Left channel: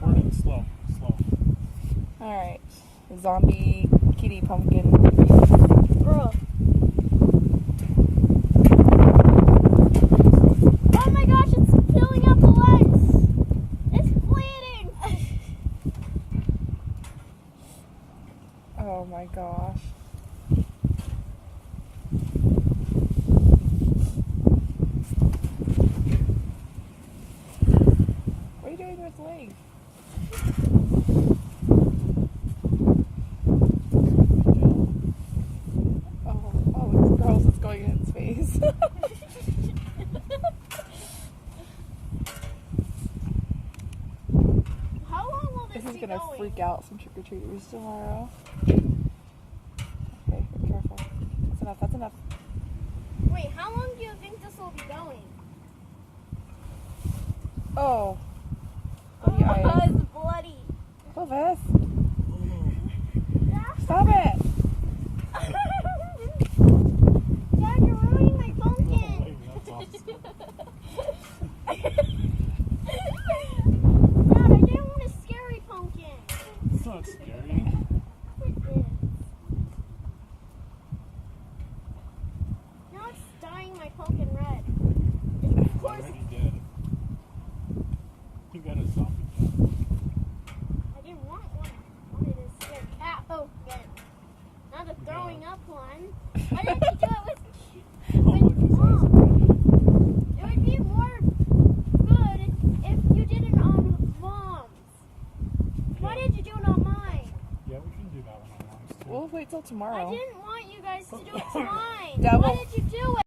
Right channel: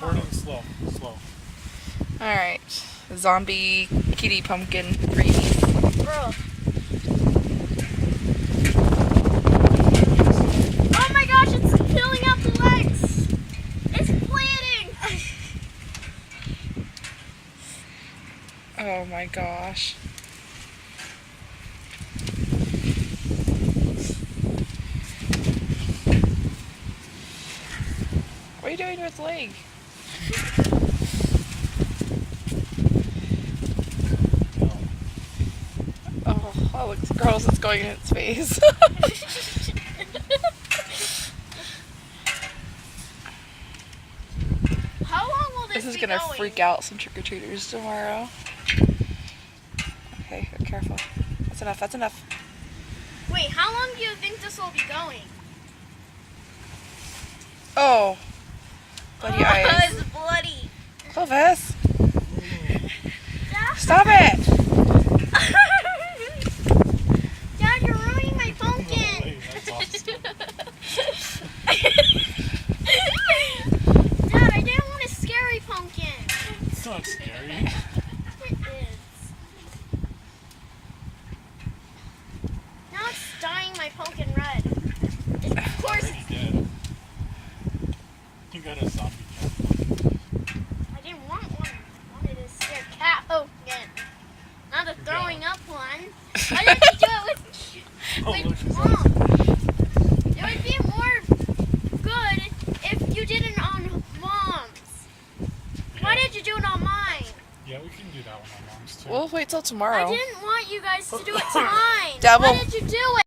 recording. Slow. Alright. Zombie kitty pumpkin freeze. Bro. Oh my gosh, it's peeling out the legs. It's bleeding. Oh my gosh. What are you doing to its leg? Oh, look, gross, it's going in its face. How long will This this is be gonna going? freak out some trick-or-treaters tomorrow. Okay, be careful. That's enough. Wait, how long do you think this will be going? Oh. Bloody Oh, eyes. it's bloody. Clovis! Stop it! Dad, you're ruining my pumpkin. Dad, I didn't want a scary pumpkin. It's not scary. It is. Now it's dyeing my pumpkin red. Of course, Already did. You got a zombie. I didn't want one. I wanted a scared cat pumpkin. Not a throwing up one. Why did you do it with Mom? It would be more good if you did it on Mom's. Why did you do it on mine? Yeah, we can do that one on Mom's too. We'll wait till tomorrow. I didn't want you guys to do it to mine. Double. Why did you do it?